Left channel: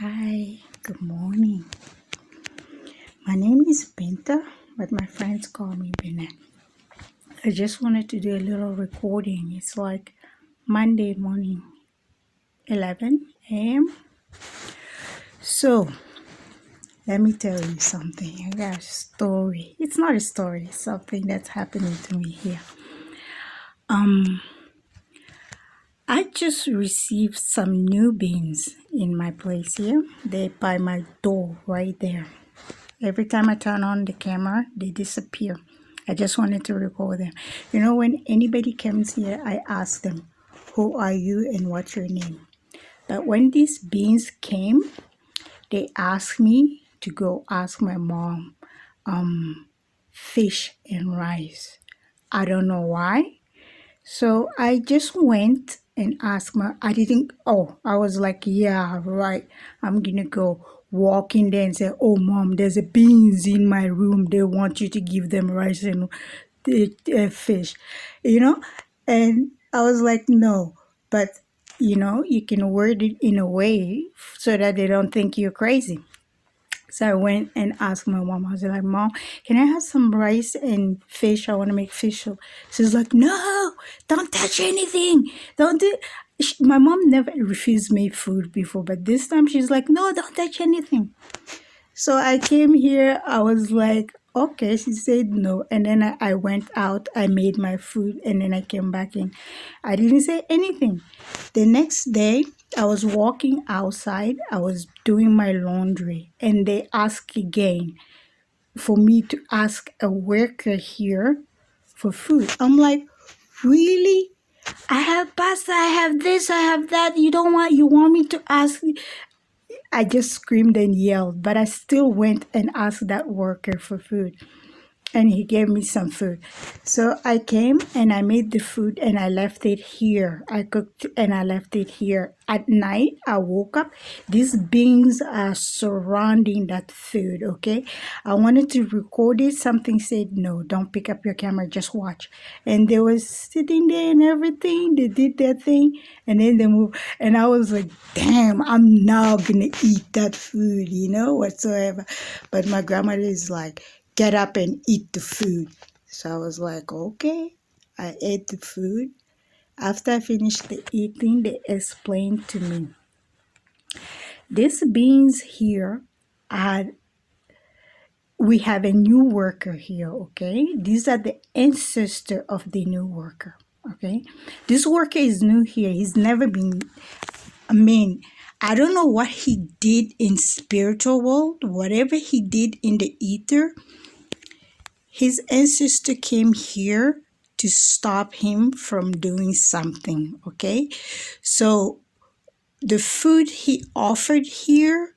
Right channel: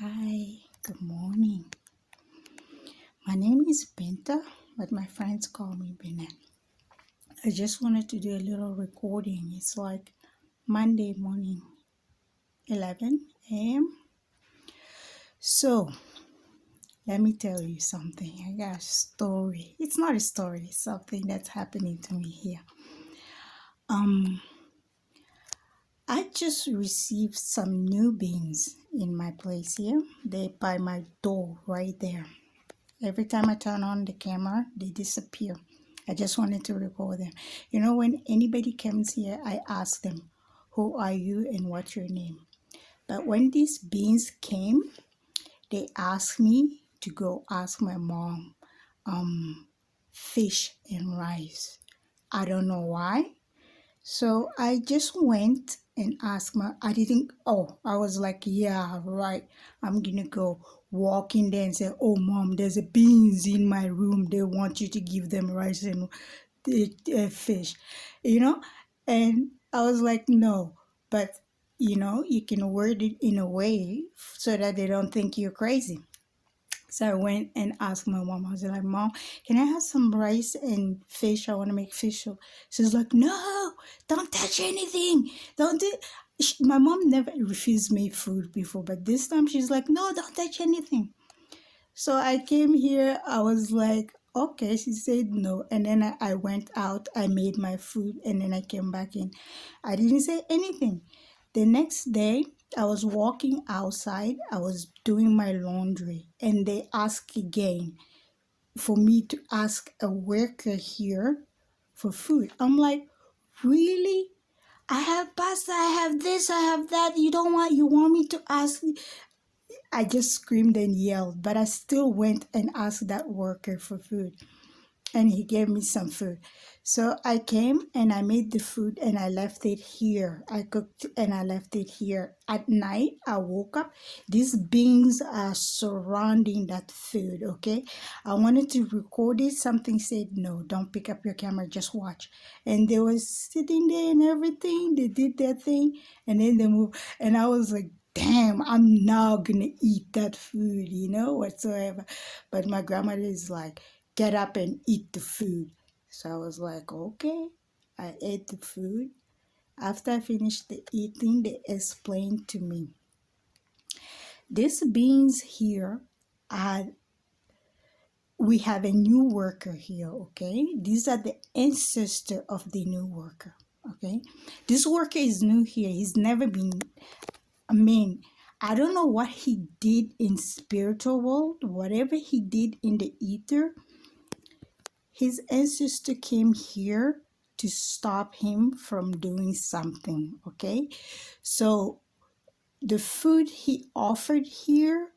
Hi, good morning. My name is Binta, but my friends call me Binet. I just wanted to do a little recording. It's like Monday morning, 11 a.m. So, let me tell you something. I got a story. It's not a story, it's something that's happening to me here. I just received some new beans in my place here. They're by my door right there. Every time I turn on the camera, they disappear. I just wanted to record them. You know, when anybody comes here, I ask them, who are you and what's your name? But when these beans came, they asked me to go ask my mom, fish and rice. I don't know why. So I just went and asked I was like, yeah, right. I'm gonna go walk in there and say, oh, mom, there's a beans in my room. They want you to give them rice and fish, you know? And I was like, no, but you can word it in a way so that they don't think you're crazy. So I went and asked my mom. I was like, Mom, can I have some rice and fish? I want to make fish soup. She's like, no, don't touch anything. Don't do. My mom never refused me food before, but this time she's like, no, don't touch anything. So I came here, I was like, okay, she said no. And then I went out, I made my food, and then I came back in. I didn't say anything. The next day, I was walking outside, I was doing my laundry, and they asked again for me to ask a worker here for food. I'm like, really? I have pasta, I have this, I have that. You want me to ask? I just screamed and yelled, but I still went and asked that worker for food. And he gave me some food. So I came and I made the food and I left it here. I cooked and I left it here. At night, I woke up. These beans are surrounding that food, okay? I wanted to record it. Something said, no, don't pick up your camera, just watch. And they were sitting there and everything. They did their thing and then they moved. And I was like, damn, I'm now going to eat that food, whatsoever. But my grandmother is like, get up and eat the food. So I was like, okay. I ate the food. After I finished the eating, they explained to me, these beans here we have a new worker here, okay? These are the ancestor of the new worker, okay? This worker is new here. He's never been, I don't know what he did in spiritual world, whatever he did in the ether. His ancestor came here to stop him from doing something, okay? So the food he offered here,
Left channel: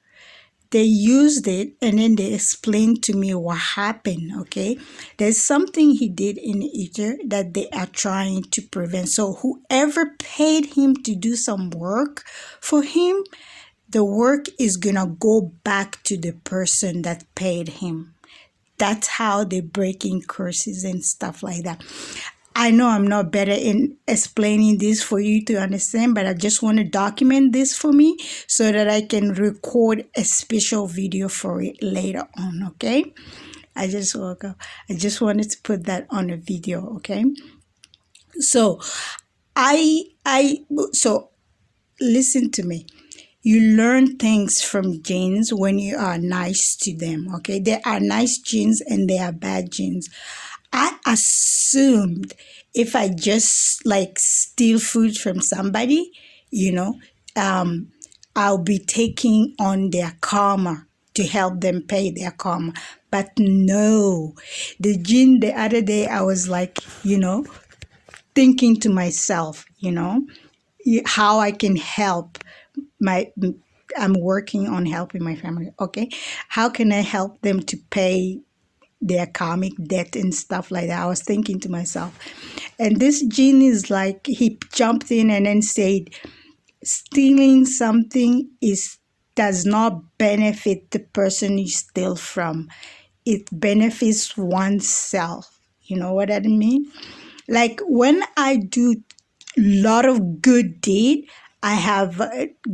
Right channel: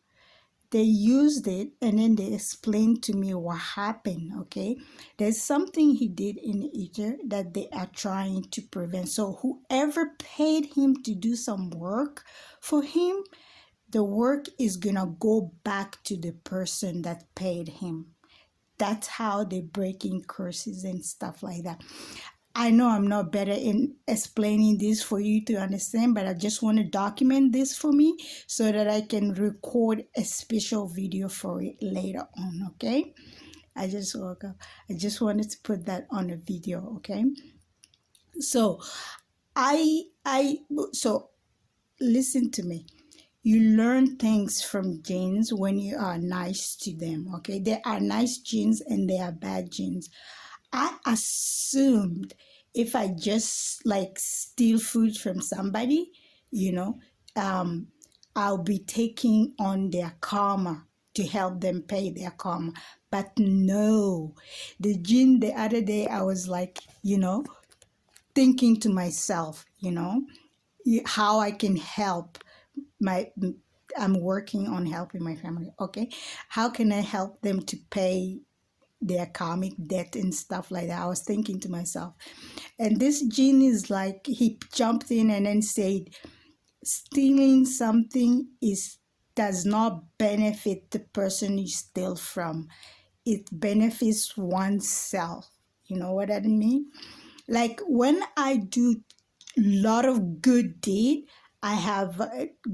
they used it and then they explained to me what happened, okay? There's something he did in the ether that they are trying to prevent. So whoever paid him to do some work for him, the work is gonna go back to the person that paid him. That's how they're breaking curses and stuff like that. I know I'm not better in explaining this for you to understand, but I just want to document this for me so that I can record a special video for it later on, okay? I just woke up. I just wanted to put that on a video, okay? So, so listen to me. You learn things from genes when you are nice to them, okay? There are nice genes and there are bad genes. I assumed if I just like steal food from somebody, I'll be taking on their karma to help them pay their karma. But no, the gene the other day, I was like, thinking to myself, how I can help I'm working on helping my family, okay? How can I help them to pay their karmic debt and stuff like that? I was thinking to myself. And this gene is like, he jumped in and then said, stealing something does not benefit the person you steal from. It benefits oneself. You know what I mean? Like when I do lot of good deed, I have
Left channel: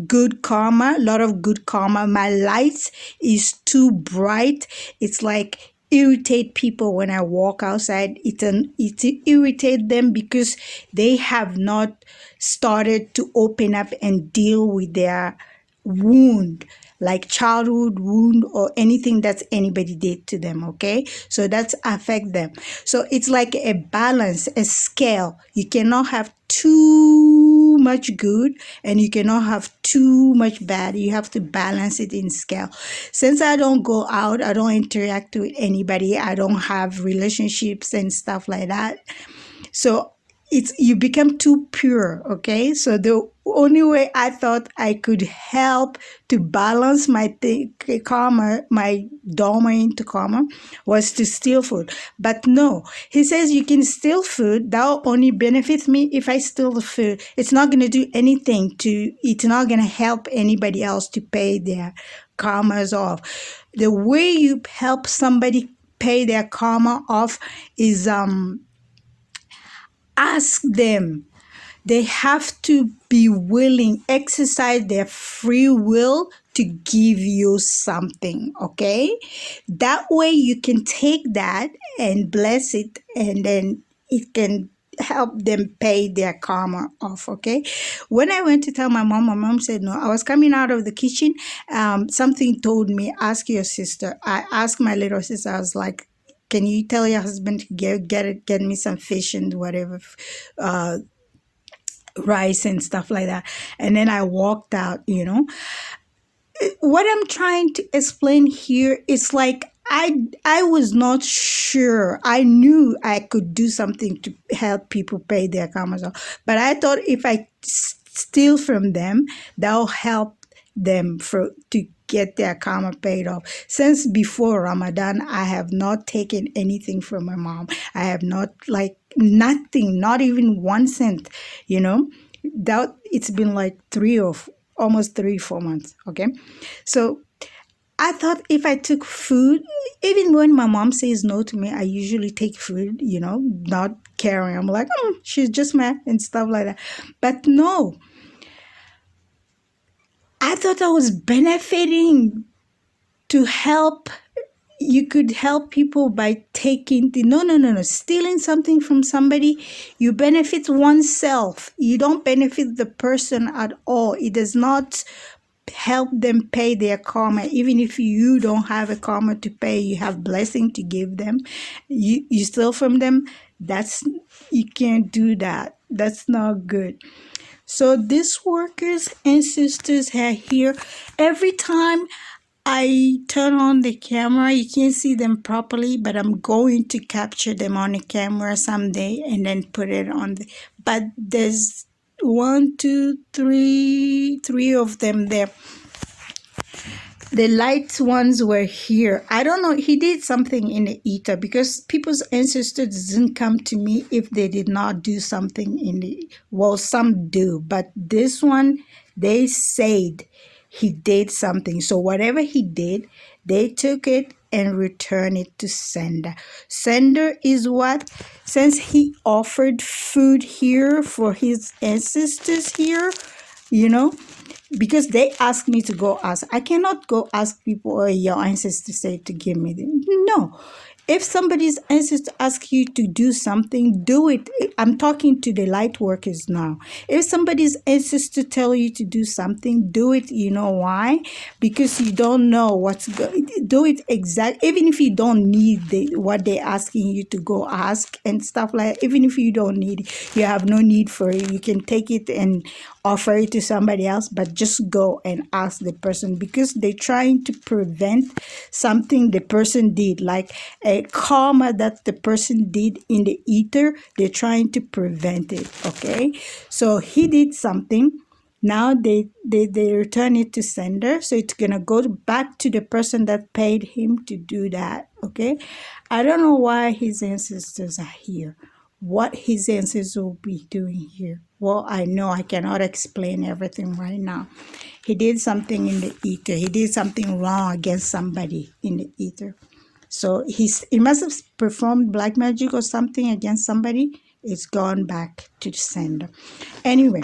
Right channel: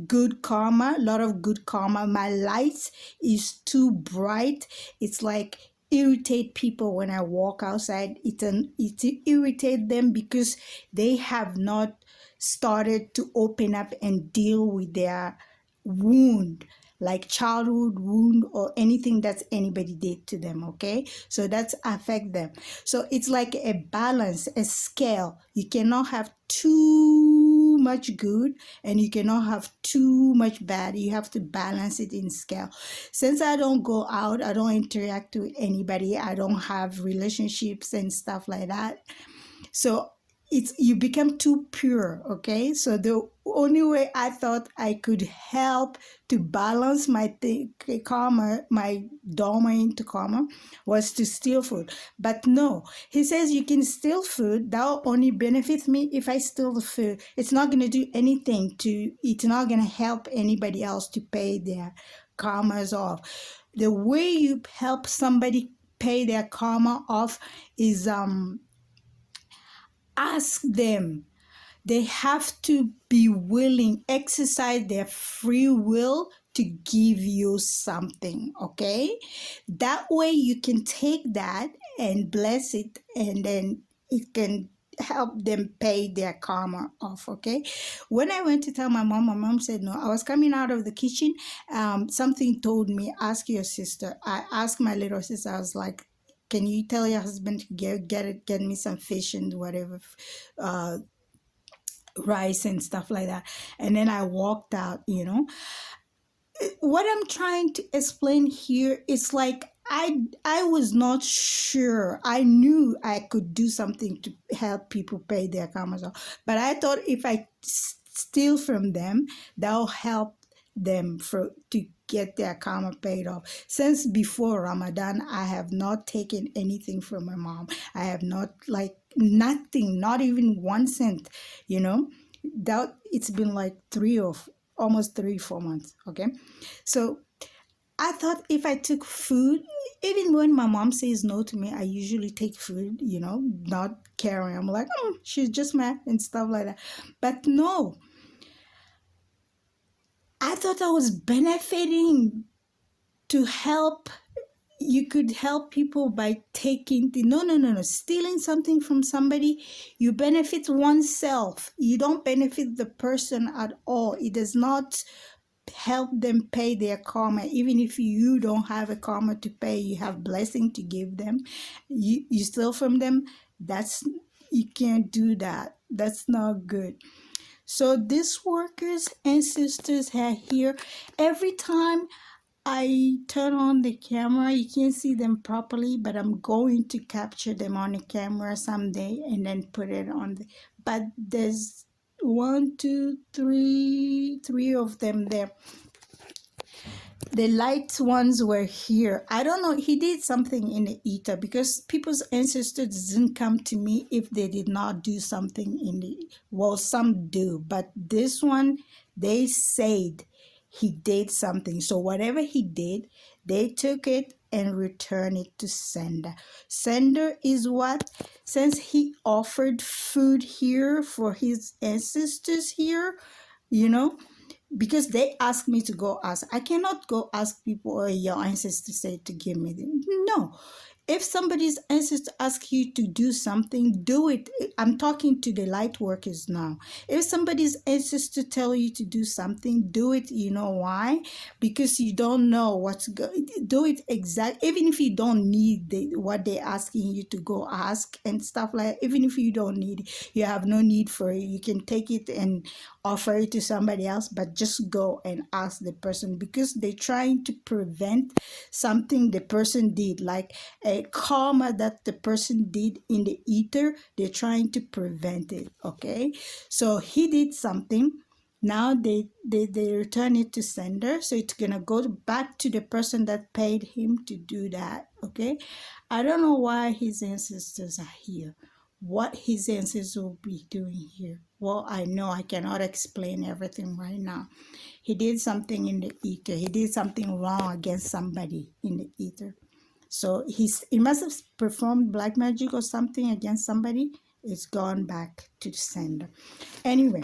good karma, a lot of good karma. My light is too bright. It's like irritate people when I walk outside. It irritate them because they have not started to open up and deal with their wound, like childhood wound or anything that anybody did to them. Okay, so that's affect them. So it's like a balance, a scale. You cannot have too much good and you cannot have too much bad. You have to balance it in scale. Since I don't go out, I don't interact with anybody, I don't have relationships and stuff like that, so it's you become too pure. Okay, so the only way I thought I could help to balance my karma, my dharma into karma, was to steal food. But no, he says you can steal food, that will only benefit me. If I steal the food, it's not going to do anything to, it's not going to help anybody else to pay their karmas off. The way you help somebody pay their karma off is ask them. They have to be willing, exercise their free will to give you something, okay? That way you can take that and bless it, and then it can help them pay their karma off, okay? When I went to tell my mom said no. I was coming out of the kitchen, something told me, ask your sister. I asked my little sister, I was like, can you tell your husband to get me some fish and whatever, rice and stuff like that. And then I walked out, you know. What I'm trying to explain here is like I was not sure. I knew I could do something to help people pay their karmas off, but I thought if I steal from them, that'll help them to get their karma paid off. Since before Ramadan, I have not taken anything from my mom. I have not, like, nothing, not even 1 cent, you know. That it's been like almost 3-4 months. Okay, so I thought if I took food, even when my mom says no to me, I usually take food, you know, not caring. I'm like, she's just mad and stuff like that. But no, I thought I was benefiting to help. You could help people by taking no, stealing something from somebody. You benefit oneself. You don't benefit the person at all. It does not help them pay their karma. Even if you don't have a karma to pay, you have blessing to give them. You steal from them. You can't do that. That's not good. So these workers and sisters are here. Every time I turn on the camera, you can't see them properly, but I'm going to capture them on the camera someday and then put it on but there's 1, 2, 3 of them there. The light ones were here. I don't know, he did something in the ether, because people's ancestors didn't come to me if they did not do something in the, well, some do, but this one, they said he did something. So whatever he did, they took it and returned it to sender. Sender is what? Since he offered food here for his ancestors here, you know, because they asked me to go ask. I cannot go ask people, or your ancestors say to give me them. No. If somebody's ancestor asks you to do something, do it. I'm talking to the light workers now. If somebody's ancestor tell you to do something, do it. You know why? Because you don't know what's going. Do it exactly. Even if you don't need what they're asking you to go ask and stuff like that, even if you don't need it, you have no need for it. You can take it and offer it to somebody else, but just go and ask the person, because they're trying to prevent something the person did, like a karma that the person did in the ether. They're trying to prevent it. Okay, so he did something. Now they return it to sender, so it's gonna go back to the person that paid him to do that. Okay, I don't know why his ancestors are here, what his ancestors will be doing here. Well, I know I cannot explain everything right now. He did something in the ether. He did something wrong against somebody in the ether. So he must have performed black magic or something against somebody. It's gone back to the sender. Anyway,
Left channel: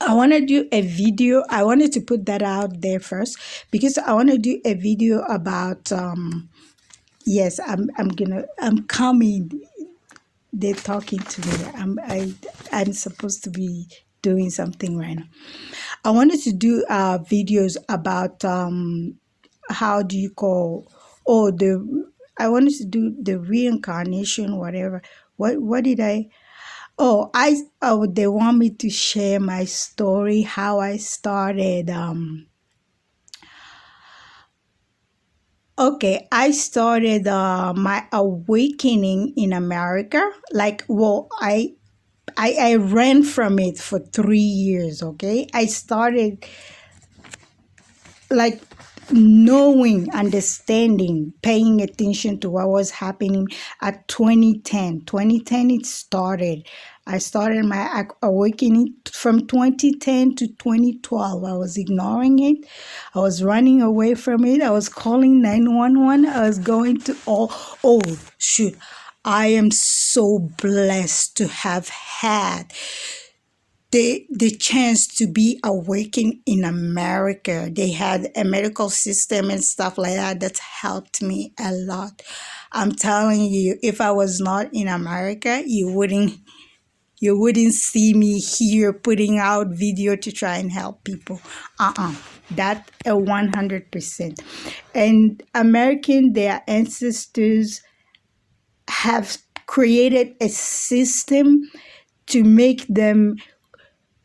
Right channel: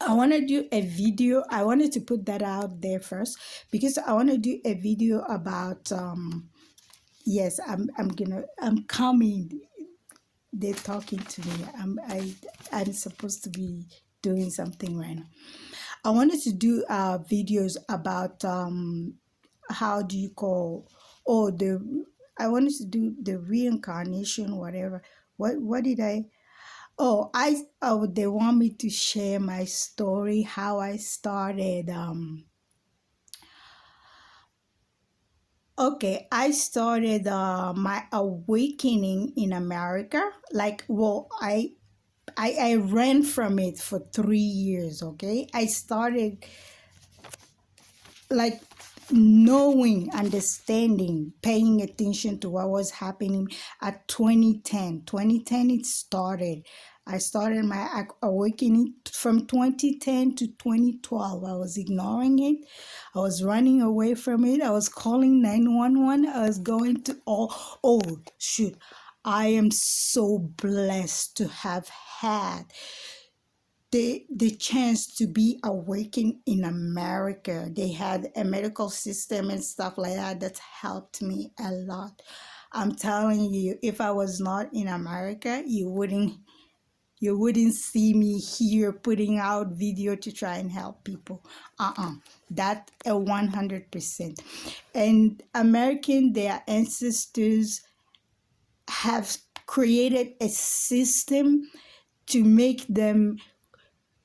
I want to do a video. I wanted to put that out there first because I want to do a video about yes, I'm coming. They're talking to me. I'm supposed to be doing something right now. I wanted to do videos about how do you call the I wanted to do the reincarnation, whatever. What did I they want me to share my story, how I started. Okay, I started my awakening in America. Like, well, I ran from it for 3 years. Okay, I started like knowing, understanding, paying attention to what was happening at 2010. 2010 it started. I started my awakening from 2010 to 2012. I was ignoring it. I was running away from it. I was calling 911. I was going to oh shoot. I am so blessed to have had the chance to be awakened in America. They had a medical system and stuff like that that helped me a lot. I'm telling you, if I was not in America, you wouldn't see me here putting out video to try and help people. That 100%. And American, their ancestors have created a system to make them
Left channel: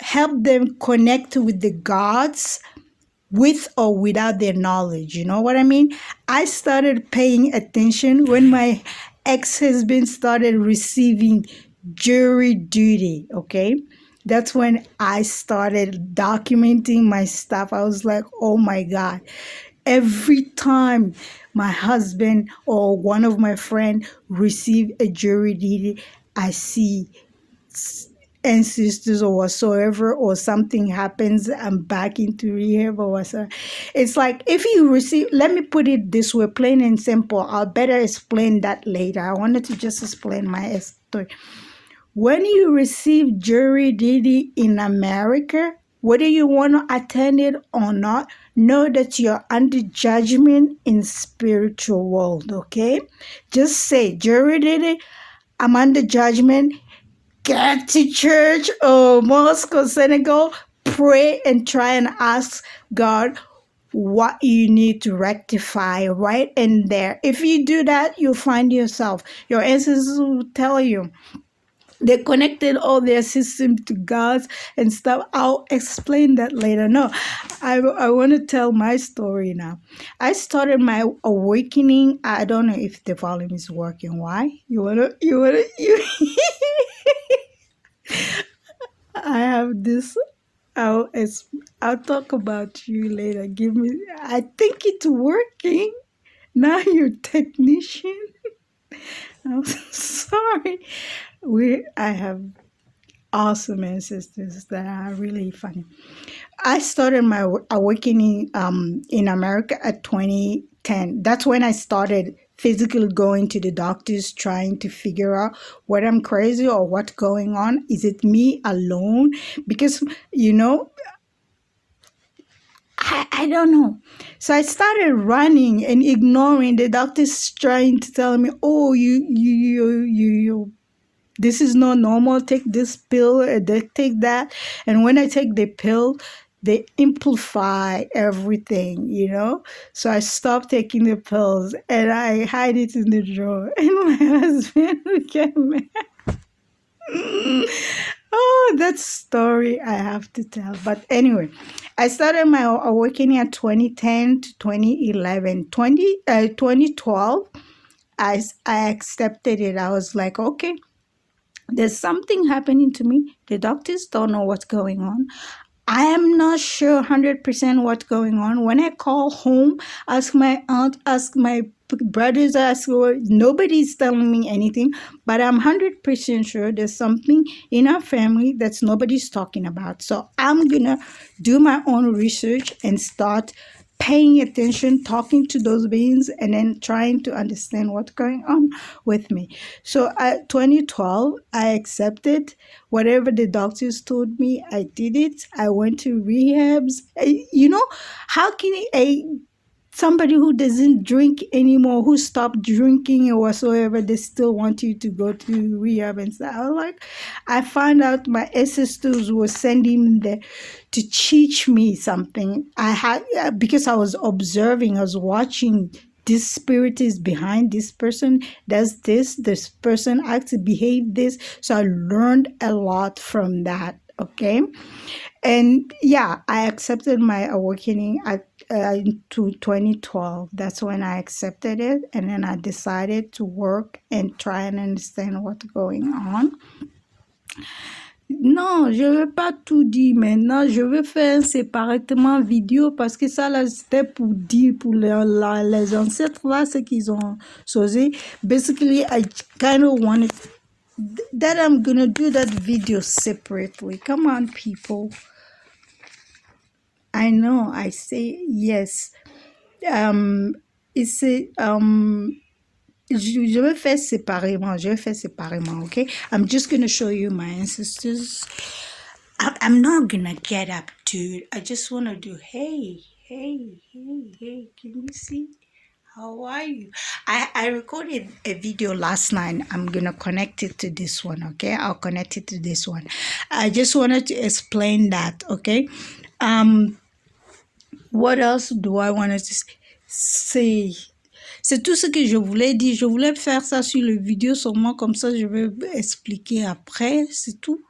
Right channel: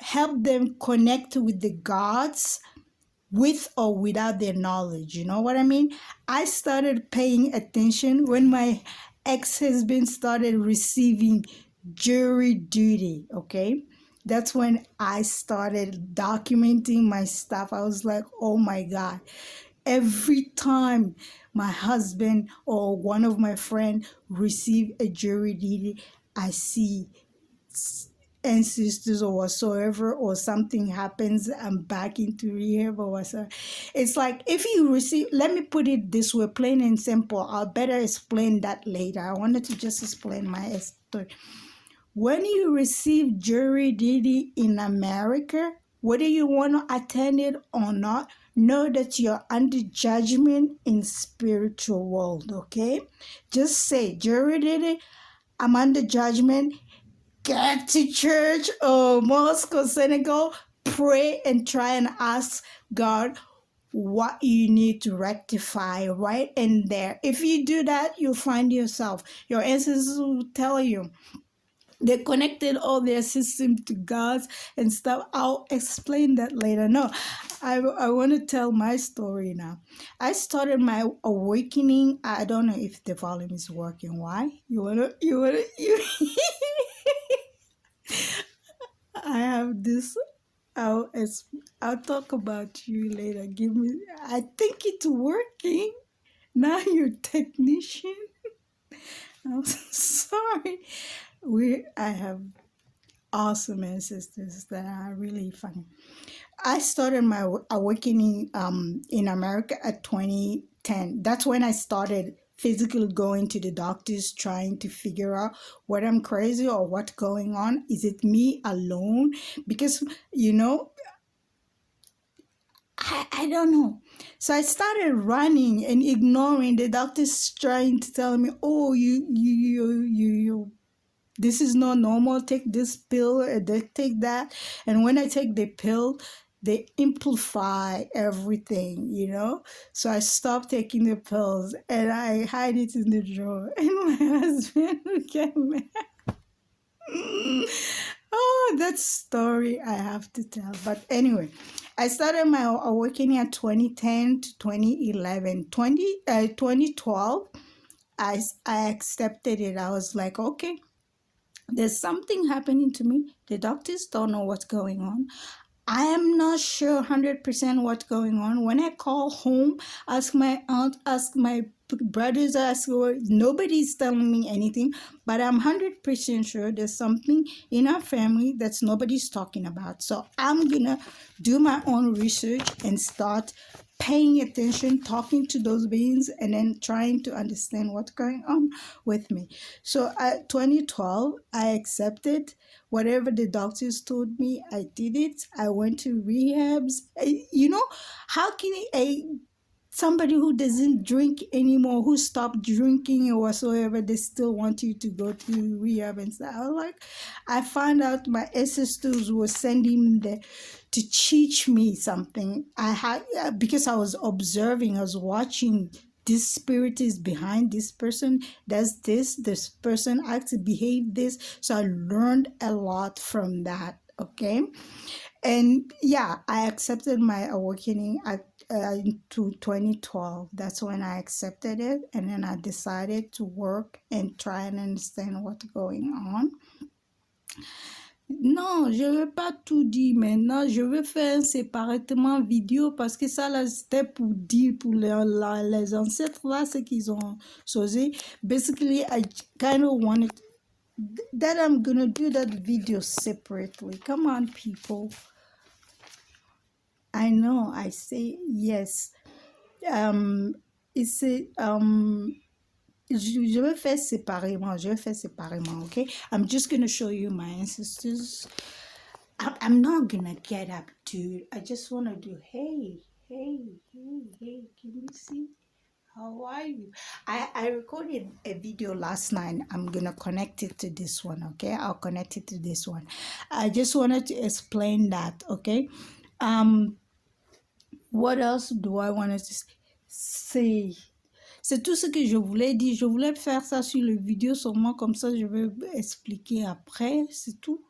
help them connect with the gods with or without their knowledge. You know what I mean? I started paying attention when my ex-husband started receiving jury duty, okay? That's when I started documenting my stuff. I was like, oh my God. Every time my husband or one of my friends receive a jury duty, I see ancestors or whatsoever, or something happens, I'm back into rehab or whatsoever. It's like if you receive, let me put it this way, plain and simple. I'll better explain that later. I wanted to just explain my story. When you receive jury duty in America, whether you want to attend it or not, know that you're under judgment in spiritual world, okay? Just say, jury duty, I'm under judgment. Get to church or mosque or synagogue, pray and try and ask God what you need to rectify right in there. If you do that, you'll find yourself. Your ancestors will tell you. They connected all their system to God's and stuff. I'll explain that later. No, I want to tell my story now. I started my awakening. I don't know if the volume is working. Why? You I have this. I'll talk about you later. Give me. I think it's working. Now you're technician. I'm sorry. I have awesome ancestors that are really funny. I started my awakening in America at 2010. That's when I started physically going to the doctors trying to figure out whether I'm crazy or what's going on. Is it me alone? Because, I don't know. So I started running and ignoring the doctors trying to tell me, oh, you this is not normal. Take this pill, they take that. And when I take the pill, they amplify everything. So I stopped taking the pills and I hide it in the drawer. And my husband would get mad. Oh, that story I have to tell. But anyway, I started my awakening at 2010 to 2011. 2012, I accepted it. I was like, okay, there's something happening to me. The doctors don't know what's going on. I am not sure 100% what's going on. When I call home, ask my aunt, ask my brothers, nobody's telling me anything. But I'm 100% sure there's something in our family that's nobody's talking about. So I'm going to do my own research and start paying attention, talking to those beings, and then trying to understand what's going on with me. So at 2012, I accepted whatever the doctors told me. I did it. I went to rehabs. You know, how can somebody who doesn't drink anymore, who stopped drinking or whatsoever, they still want you to go to rehab and stuff? I was like, I found out my ancestors were sending me there to teach me something. I had, because I was observing, I was watching. This spirit is behind this person, does this person acts, behave this. So I learned a lot from that. Okay. And yeah, I accepted my awakening at into 2012. That's when I accepted it, and then I decided to work and try and understand what's going on. Non, je ne vais pas tout dire maintenant. Je vais faire séparément vidéo parce que ça, là, c'était pour dire pour les ancêtres, là, ce qu'ils ont choisi. Basically, I kind of wanted that I'm going to do that video separately. Come on, people. I know, I say yes. Je vais faire séparément. Okay? I'm just going to show you my ancestors. I'm not going to get up, dude. I just want to do, hey, can you see? How are you? I recorded a video last night. I'm going to connect it to this one, okay? I'll connect it to this one. I just wanted to explain that, okay? What else do I want to say? C'est tout ce que je voulais dire. Je voulais faire ça sur le vidéo seulement, comme ça je vais expliquer après. C'est tout.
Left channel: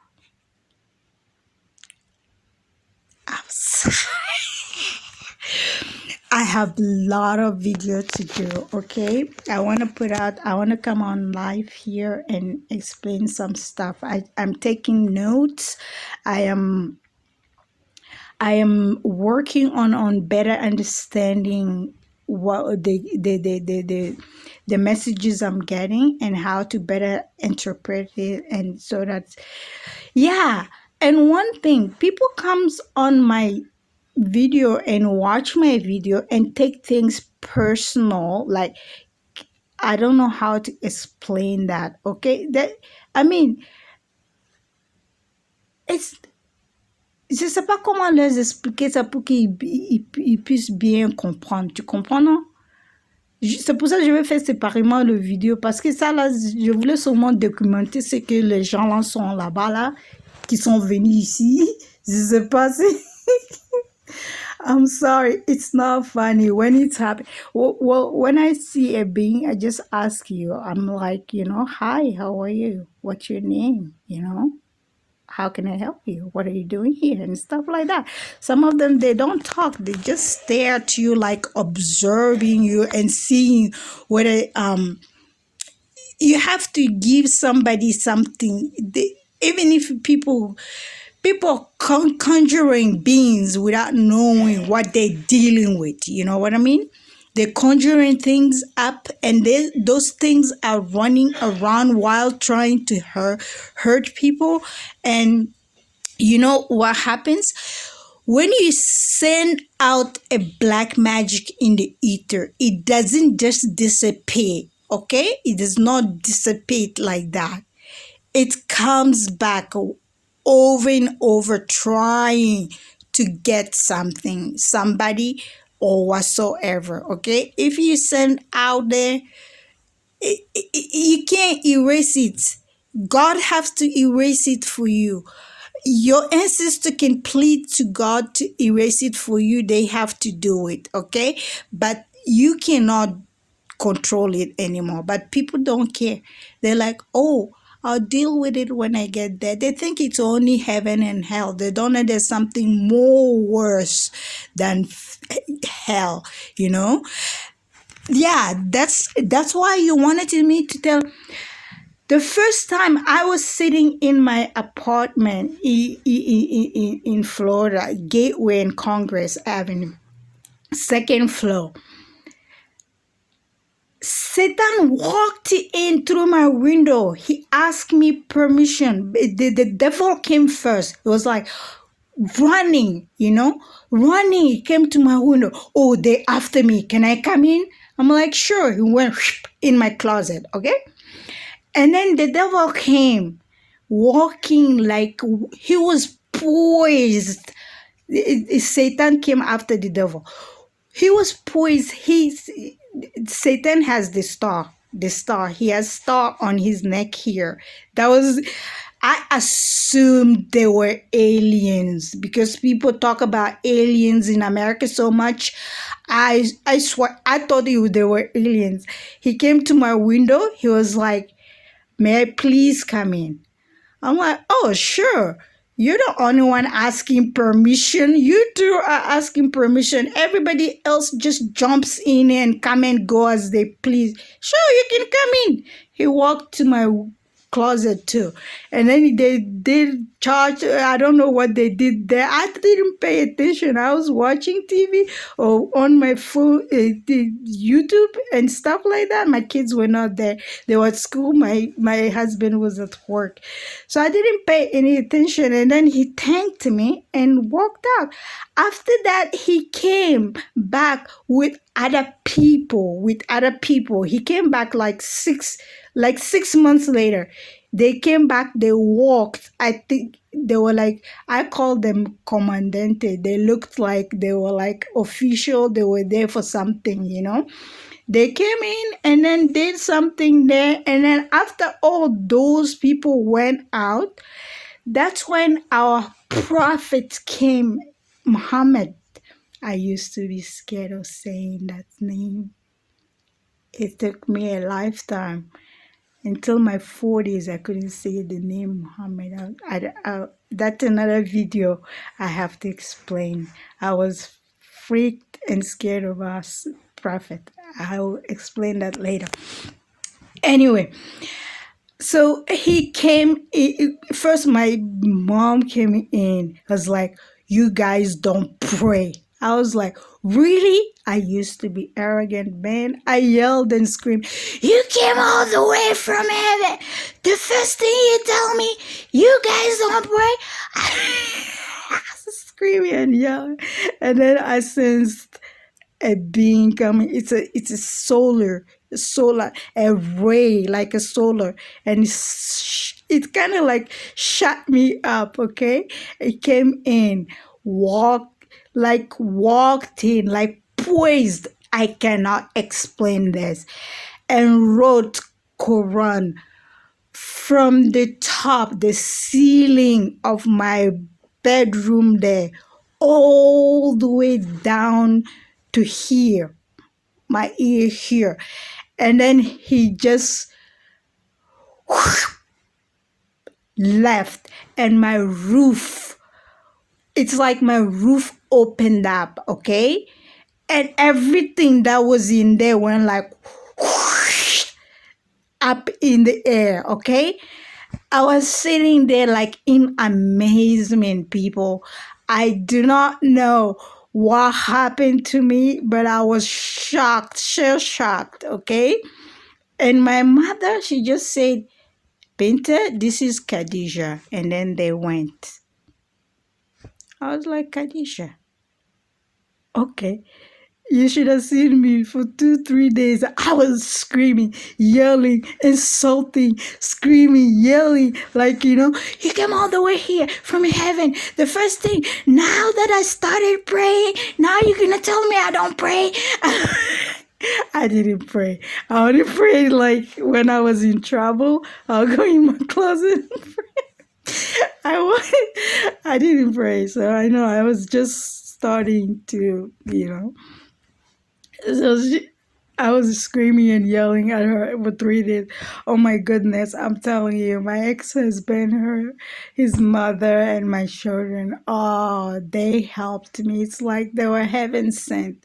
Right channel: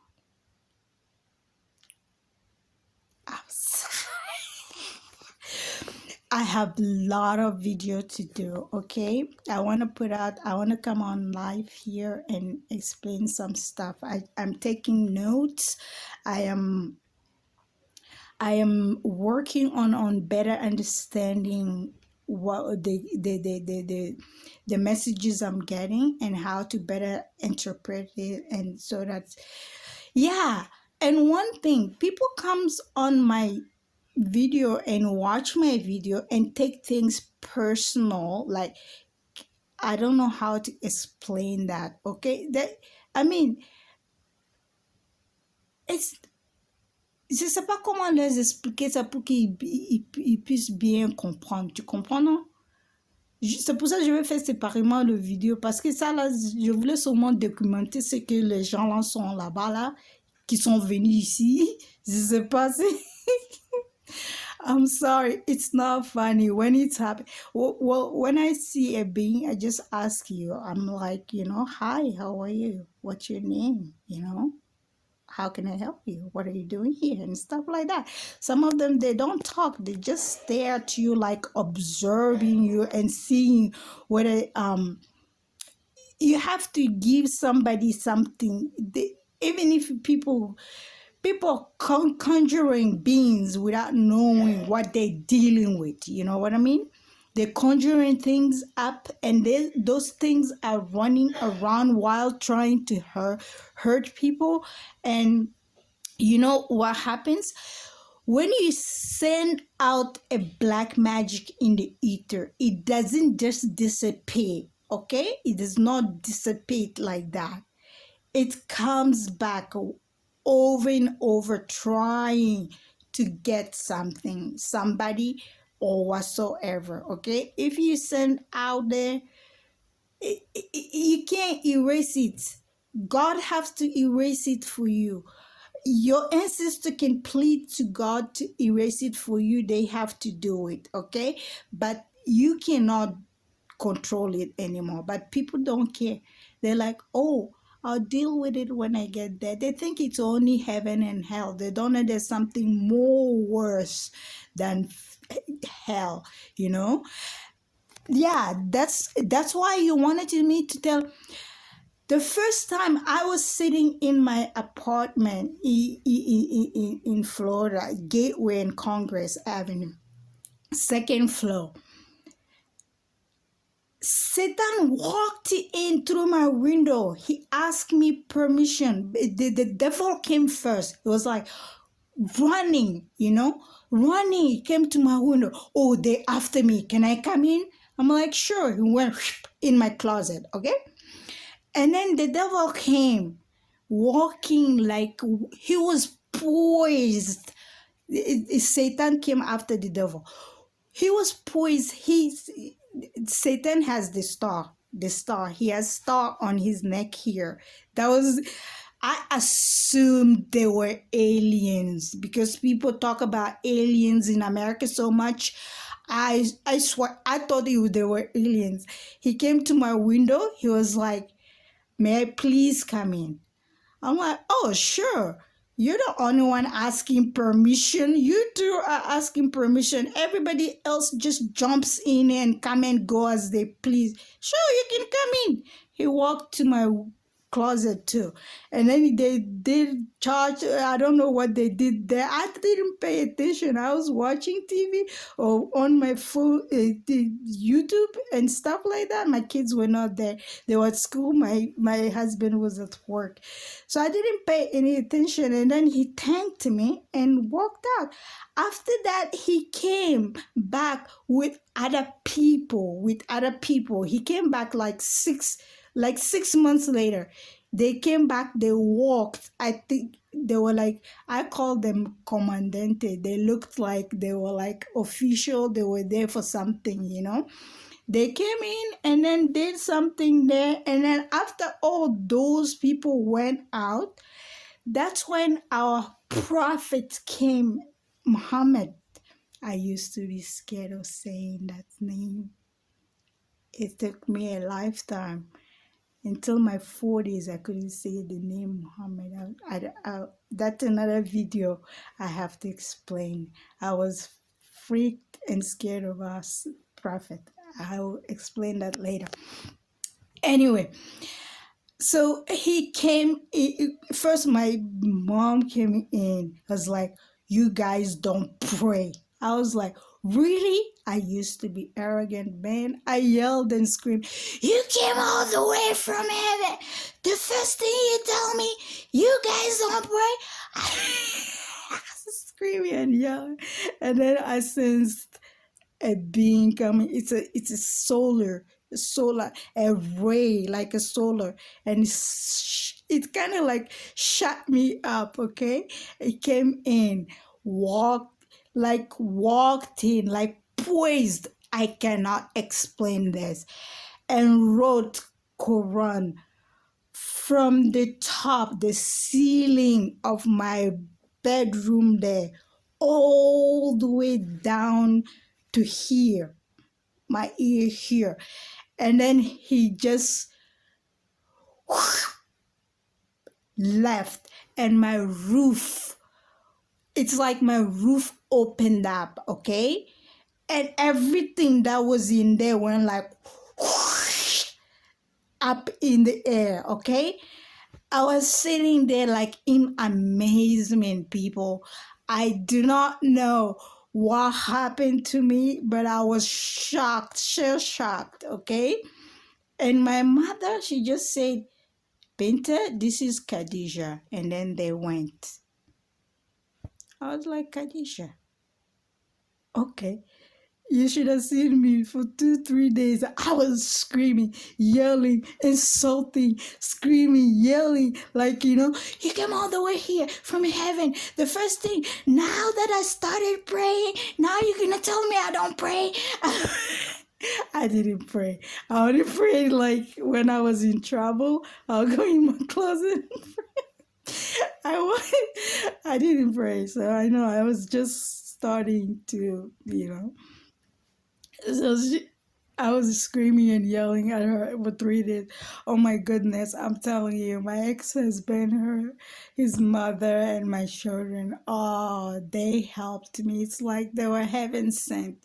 I have a lot of video to do, okay? I want to come on live here and explain some stuff. I'm taking notes. I am working on better understanding what the messages I'm getting and how to better interpret it, and so that's, yeah. And one thing, people comes on my video and watch my video and take things personal, like, I don't know how to explain that, okay? That, I mean, it's, je ne sais pas comment leur expliquer ça pour qu'ils puissent bien comprendre. Tu comprends, non? C'est pour ça que je vais faire séparément le vidéo, parce que ça, là, je voulais seulement documenter ce que les gens là sont là-bas, là, qui sont venus ici. Je ne sais pas si... I'm sorry, it's not funny when it's happening. Well, when I see a being, I just ask you. I'm like, hi, how are you? What's your name? How can I help you? What are you doing here? And stuff like that. Some of them, they don't talk. They just stare at you, like observing you and seeing whether you have to give somebody something. Even if people conjuring beings without knowing what they're dealing with. You know what I mean? They're conjuring things up, and those things are running around while trying to hurt people. And you know what happens? When you send out a black magic in the ether, it doesn't just disappear, okay? It does not dissipate like that. It comes back over and over, trying to get something, somebody, or whatsoever, okay? If you send out there, you can't erase it. God has to erase it for you. Your ancestor can plead to God to erase it for you. They have to do it, okay? But you cannot control it anymore. But people don't care. They're like, oh, I'll deal with it when I get there. They think it's only heaven and hell. They don't know there's something more worse than hell, Yeah, that's why you wanted me to tell. The first time I was sitting in my apartment in Florida, Gateway and Congress Avenue, second floor. Satan walked in through my window. He asked me permission. The devil came first. It was like, running, running. He came to my window. Oh, they after me. Can I come in? I'm like, sure. He went in my closet, okay? And then the devil came, walking like he was poised. Satan came after the devil. He was poised. Satan has the star. The star. He has star on his neck here. That was. I assumed they were aliens because people talk about aliens in America so much. I swear I thought they were aliens. He came to my window. He was like, "May I please come in?" I'm like, "Oh, sure. You're the only one asking permission. You two are asking permission. Everybody else just jumps in and come and go as they please. Sure, you can come in." He walked to my closet too. And then they did charge. I don't know what they did there. I didn't pay attention. I was watching TV or on my phone, YouTube and stuff like that. My kids were not there. They were at school. My husband was at work. So I didn't pay any attention. And then he thanked me and walked out. After that, he came back with other people. He came back like 6 months later. They came back, they walked. I think they were like, I call them comandante. They looked like they were like official. They were there for something. They came in and then did something there. And then after all those people went out, that's when our prophet came, Muhammad. I used to be scared of saying that name. It took me a lifetime. Until my 40s, I couldn't say the name Muhammad. That's another video I have to explain. I was freaked and scared of our prophet. I'll explain that later. Anyway, so he came. First, my mom came in. Was like, "You guys don't pray." I was like, "Really?" I used to be arrogant, man. I yelled and screamed, "You came all the way from heaven. The first thing you tell me, you guys don't pray." I was screaming and yelling. And then I sensed a being coming. It's a solar, a ray, like a solar. And it kind of like shut me up, okay? It came in, walked in, like poised. I cannot explain this. And wrote Quran from the top, the ceiling of my bedroom there, all the way down to here, my ear here. And then he just left, and my roof, it's like my roof opened up, okay? And everything that was in there went like up in the air, okay? I was sitting there like in amazement, people. I do not know what happened to me, but I was shocked, shell shocked, okay? And my mother, she just said, "Binta, this is Khadija." And then they went. I was like, "Khadija, okay." You should have seen me for 2, 3 days. I was screaming, yelling, insulting, screaming, yelling, like, "You came all the way here from heaven. The first thing, now that I started praying, now you're going to tell me I don't pray." I didn't pray. I only prayed like when I was in trouble. I'll go in my closet and pray. I didn't pray, so I know I was just starting to, So I was screaming and yelling at her for 3 days. Oh my goodness, I'm telling you, my ex-husband, his mother, and my children, oh, they helped me. It's like they were heaven sent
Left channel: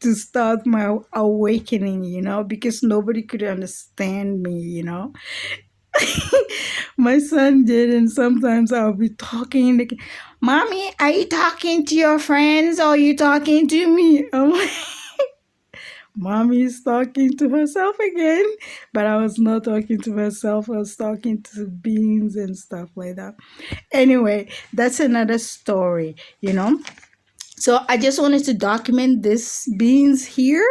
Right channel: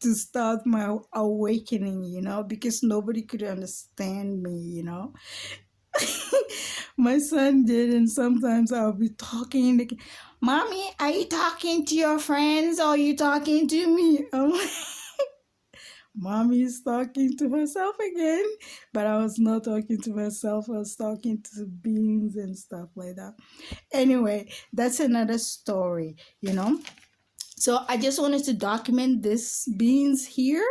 to start my awakening, because nobody could understand me. My son did, and sometimes I'll be talking, like, "Mommy, are you talking to your friends or are you talking to me?" I'm like, Mommy is talking to herself again, but I was not talking to myself. I was talking to beans and stuff like that. Anyway, that's another story, you know. So I just wanted to document this beans here.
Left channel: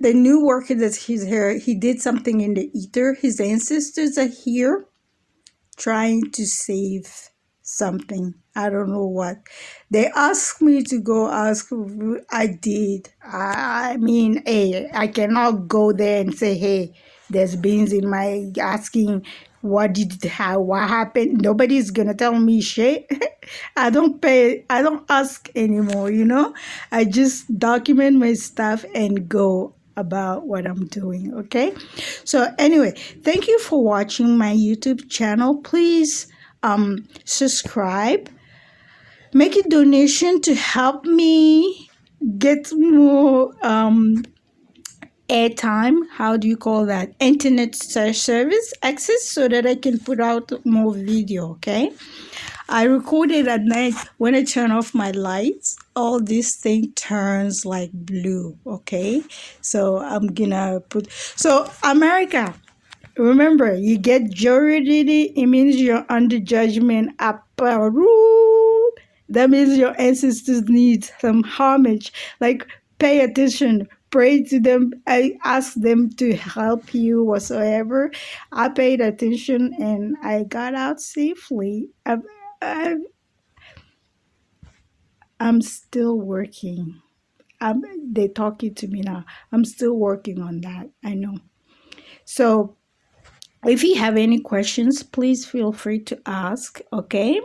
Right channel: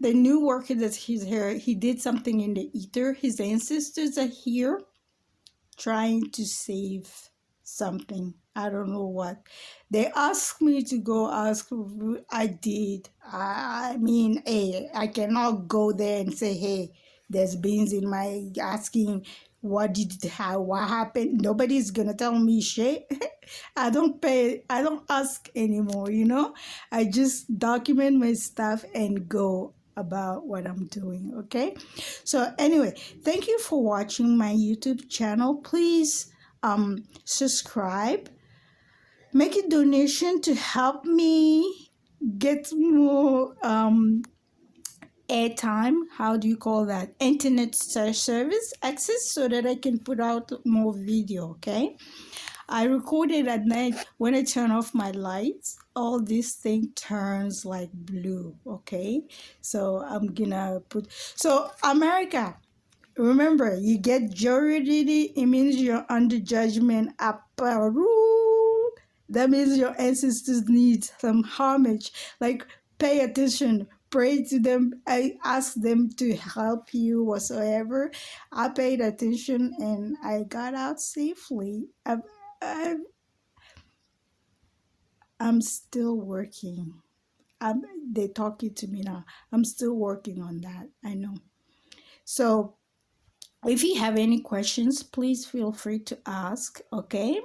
The new worker that he's here, he did something in the ether. His ancestors are here trying to save something. I don't know what. They asked me to go ask. I did. I mean, hey, I cannot go there and say, hey, there's beans in my asking what what happened. Nobody's gonna tell me shit. I don't pay. I don't ask anymore. You know, I just document my stuff and go about what I'm doing. Okay, so anyway, thank you for watching my YouTube channel. Please subscribe, make a donation to help me get more airtime. How do you call that? Internet service access, so that I can put out more video. Okay, I recorded at night. When I turn off my lights, all this thing turns like blue. Okay, so I'm gonna put, so America, remember, you get juridity, it means you're under judgment. That means your ancestors need some homage. Like, pay attention, pray to them, I ask them to help you whatsoever. I paid attention and I got out safely. I'm still working. They're talking to me now. I'm still working on that. I know. So if you have any questions, please feel free to ask, okay?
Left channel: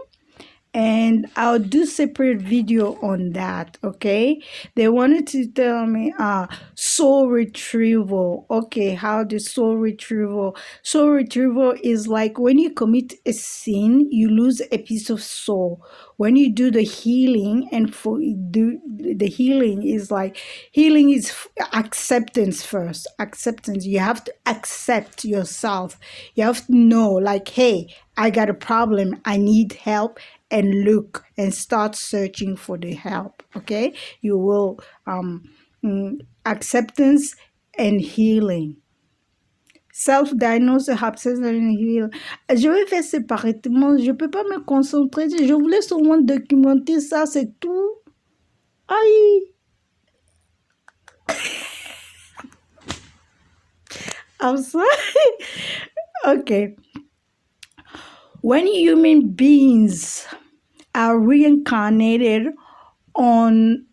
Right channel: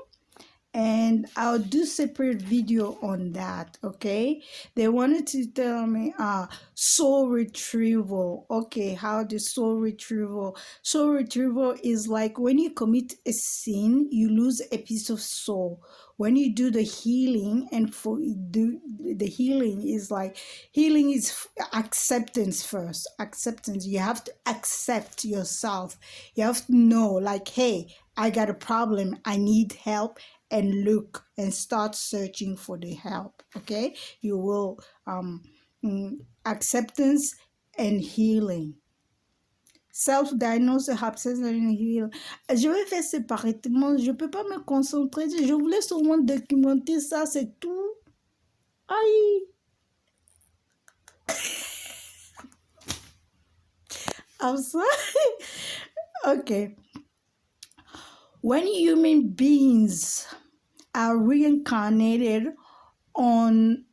And I'll do separate video on that, okay? They wanted to tell me soul retrieval. Okay, how the soul retrieval is like when you commit a sin, you lose a piece of soul. When you do the healing, and for do the healing is like, healing is acceptance first. Acceptance, you have to accept yourself. You have to know, like, hey, I got a problem, I need help, and look and start searching for the help. Okay, you will acceptance and healing. Self-diagnosis, absence and heal. Je vais faire séparément. Je peux pas me concentrer. Je voulais seulement documenter ça, c'est tout. Aïe. I'm sorry. Okay. When human beings are reincarnated on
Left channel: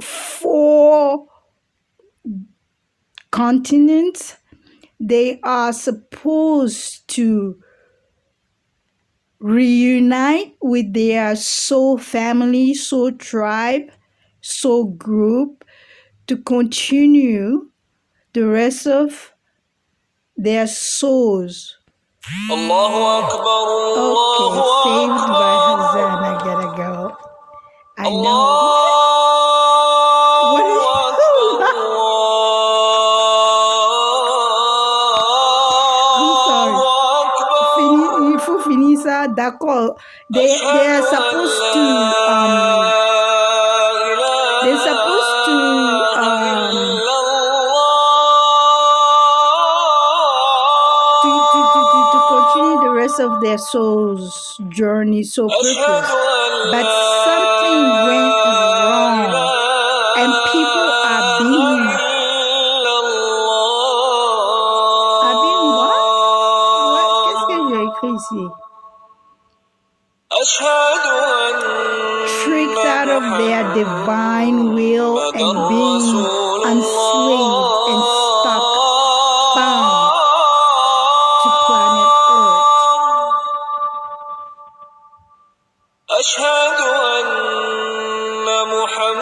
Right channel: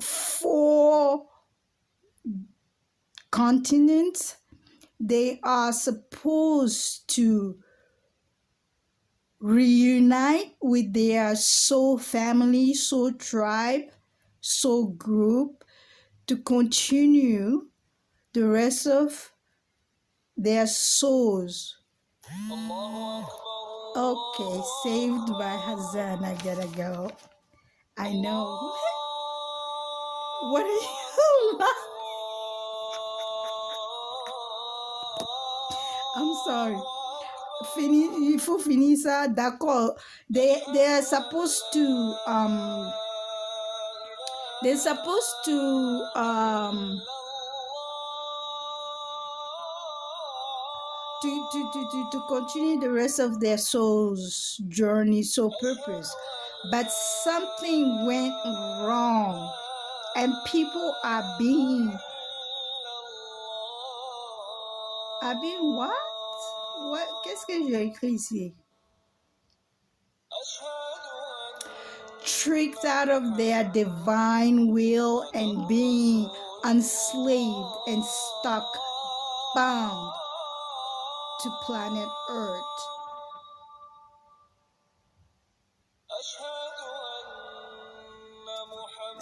4 continents, they are supposed to reunite with their soul family, soul tribe, soul group to continue the rest of their souls. Allahu Akbar, okay, saved by Hazan. I gotta go. I know. Il faut finir ça, d'accord. They are supposed to continue the rest of their soul's journey, so purpose. But something went wrong, and people are being what? Qu'est-ce que j'ai écrit ici? Tricked out of their divine will and being enslaved and stuck, bound to planet Earth.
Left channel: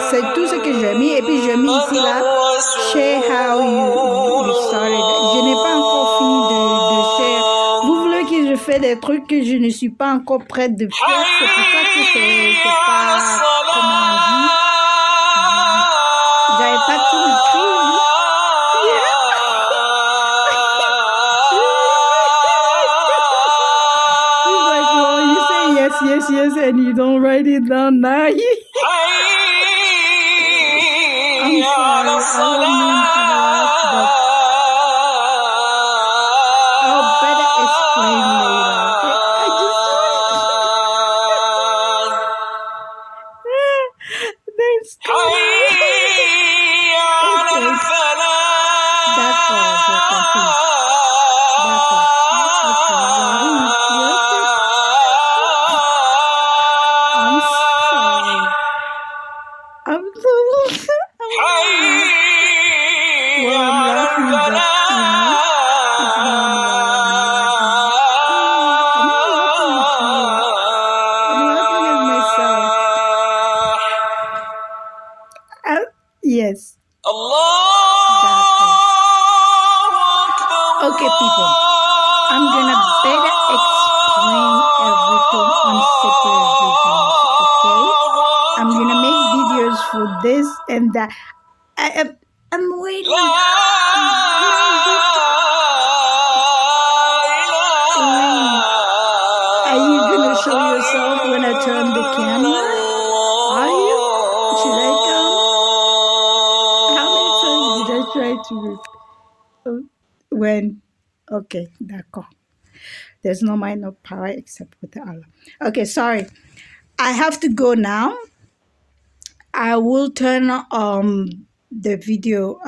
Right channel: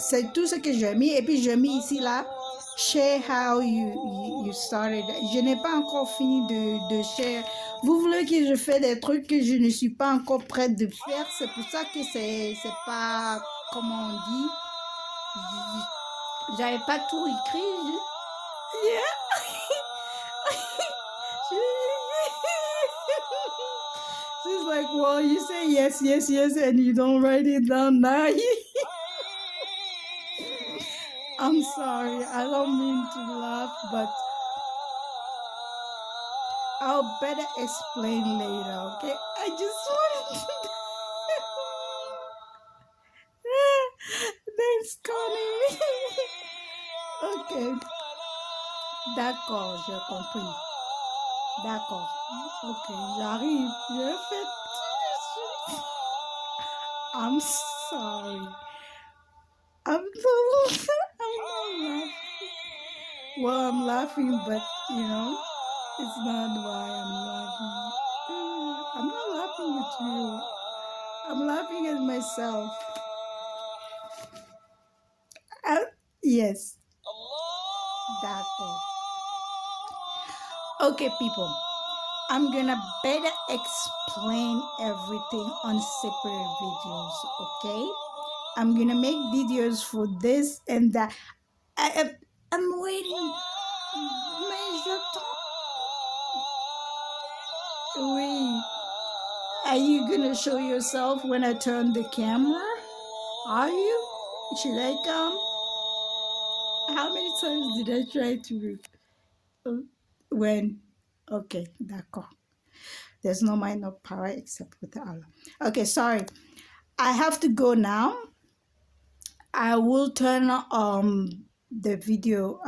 C'est tout ce que j'ai mis, et puis j'ai mis ici là, share how you started. Je n'ai pas encore fini de share. Vous voulez que je fasse des trucs que je ne suis pas encore prête de faire, c'est pour ça que c'est pas, comment on dit, j'avais pas tout écrit. He's like, well, you say yes, and you don't write it down now. I don't mean to laugh, but I'll better explain later, okay? I just then stop. Okay. D'accord, j'ai compris. D'accord. Okay, j'arrive. I'm sorry. I'm so well, I'm laughing, but it's normal that I'm laughing. I'm not laughing at you. I'm laughing at myself. Yes. Okay, people. I'm gonna better explain everything on separate videos, okay? I'm gonna make videos for this and that. I'm waiting. Are you gonna show yourself when I turn the camera? Are you? Should I come? How many times did I try to? When? Okay, d'accord. There's no mind, no power except with Allah. Okay, sorry. I have to go now. I will turn the video.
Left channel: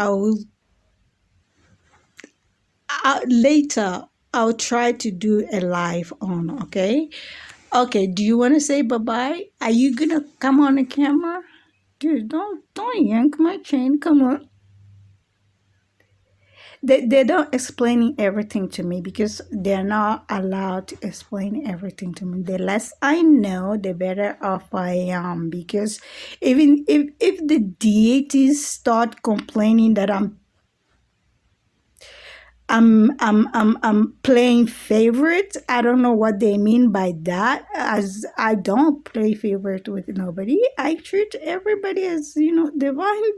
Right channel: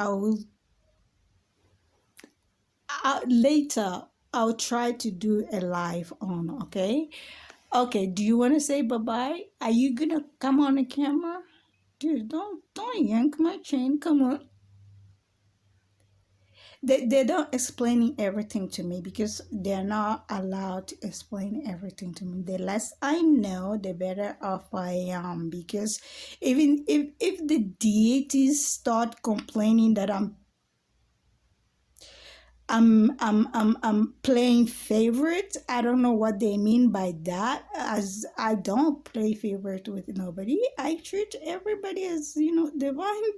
Later. I'll try to do a live on. Okay. Okay. Do you want to say bye bye? Are you gonna come on the camera? Dude, don't yank my chain. Come on. They don't explaining everything to me because they're not allowed to explain everything to me. The less I know, the better off I am. Because even if the deities start complaining that I'm playing favorite, I don't know what they mean by that. As I don't play favorite with nobody, I treat everybody as divine.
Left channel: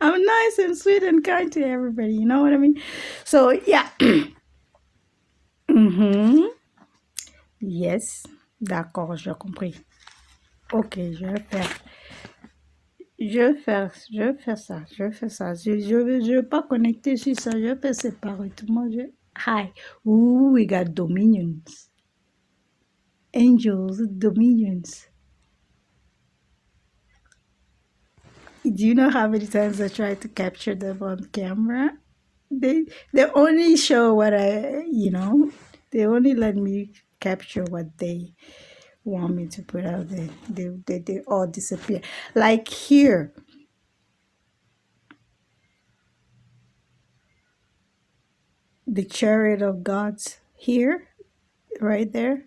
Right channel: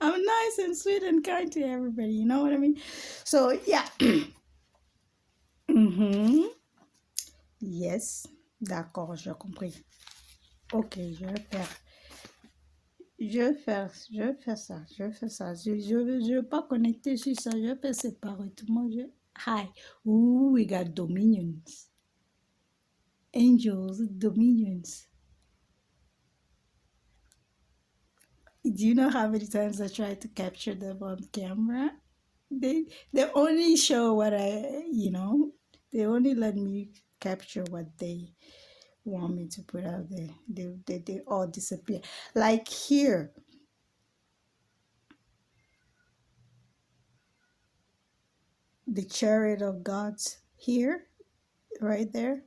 I'm nice and sweet and kind to everybody. You know what I mean? So yeah. Yes. D'accord, j'ai compris. Ok, je vais faire ça. Je vais pas connecter sur ça. Je vais faire séparément. Hi. Ooh, we got dominions. Angels, dominions. Do you know how many times I tried to capture them on camera? They only show what they only let me capture what they want me to put out there. They all disappear. Like here. The chariot of God's here, right there.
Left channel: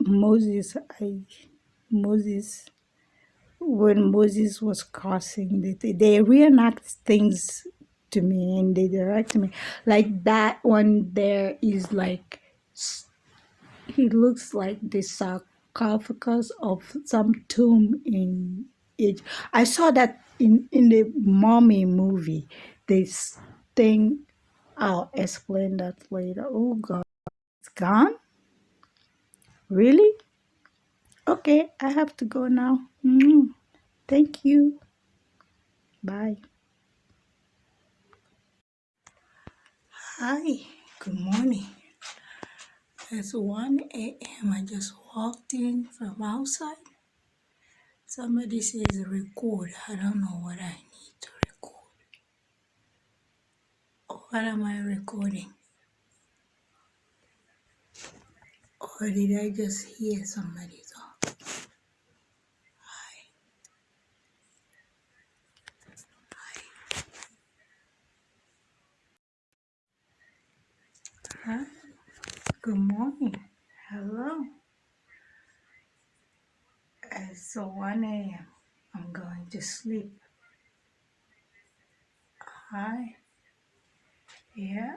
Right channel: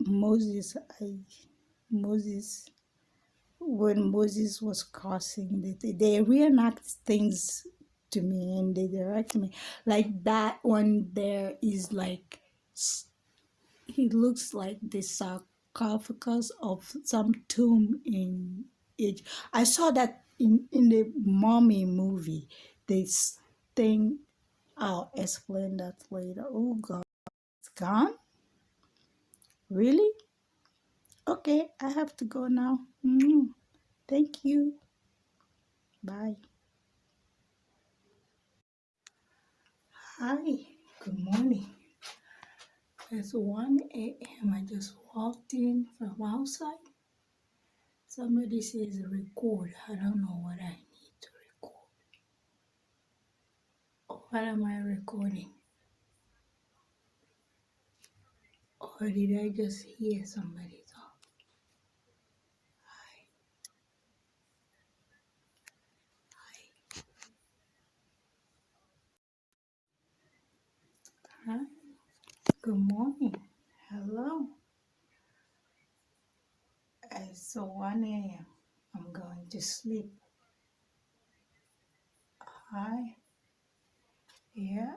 Moses, when Moses was crossing, they reenact things to me and they direct me. Like that one there is like, he looks like the sarcophagus of some tomb in Egypt. I saw that in the Mummy movie. This thing, I'll explain that later. Oh God, it's gone? Really? Okay, I have to go now. Thank you. Bye. Hi, good morning. It's 1 a.m. I just walked in from outside. Somebody says record. I don't know what I need to record. What am I recording? Or did I just hear somebody talk? Hi. Good morning. Hello. It's 1 a.m. I'm going to sleep. Hi. Yeah.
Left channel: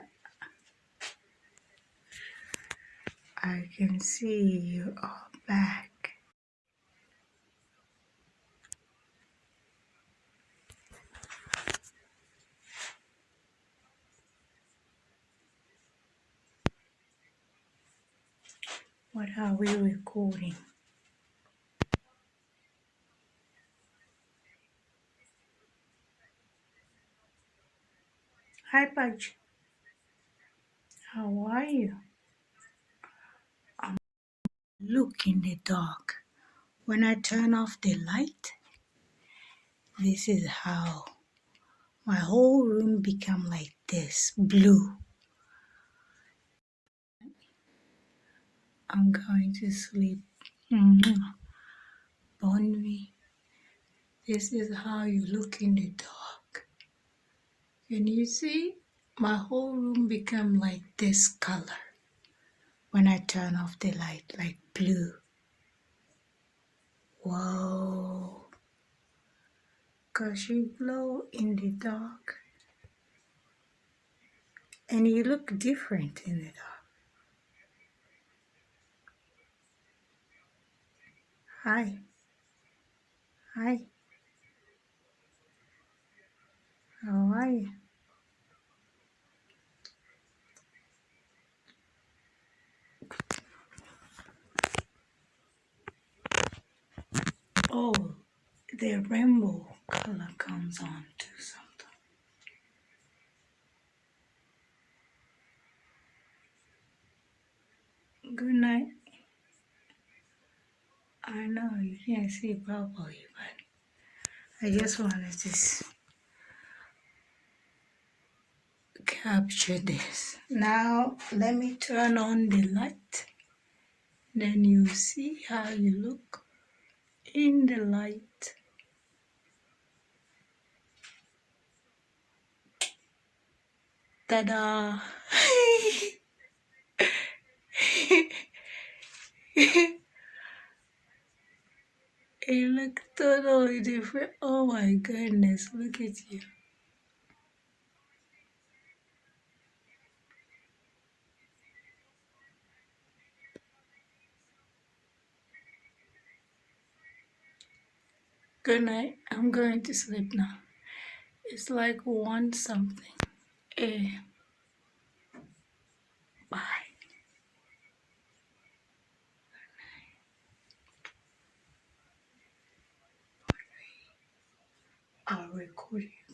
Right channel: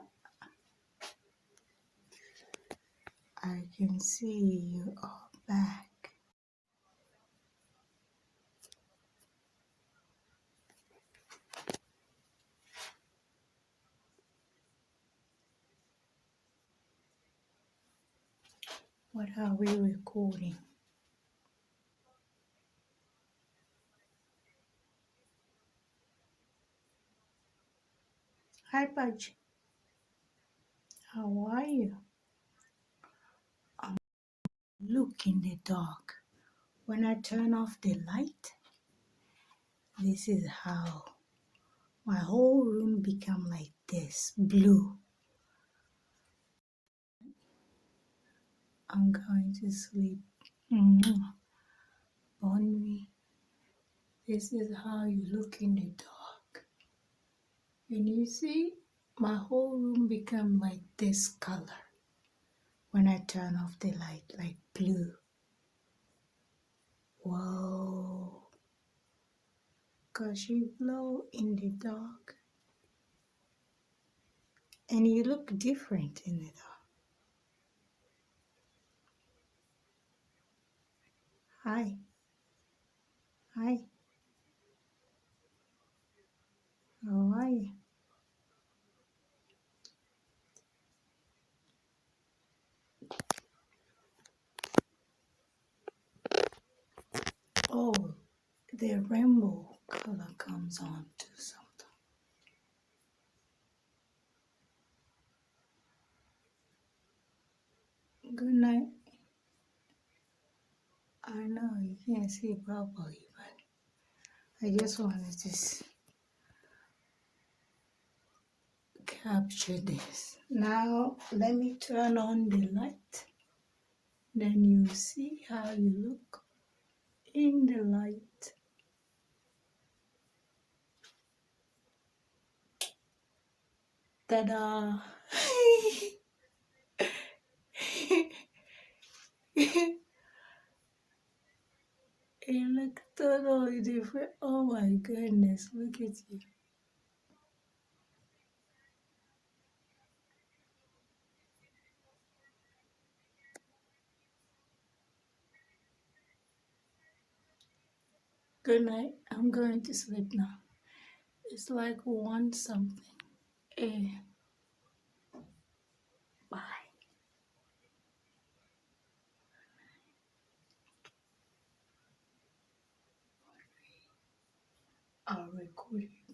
I can see you all back. What are we recording? Hi, Pudge. How are you? Look in the dark. When I turn off the light, this is how my whole room become like this, blue. I'm going to sleep. Bon nuit. This is how you look in the dark. Can you see? My whole room become like this color when I turn off the light, like blue. Whoa. 'Cause you glow in the dark. And you look different in the dark. Hi. Hi. How are you? Oh, the rainbow color comes on to something. Good night. I know you can't see properly, but I just wanted to capture this. Now let me turn on the light. Then you see how you look in the light. Ta-da! You look totally different. Oh my goodness, look at you. Good night. I'm going to sleep now. It's like one something. Eh, bye. I'll record you.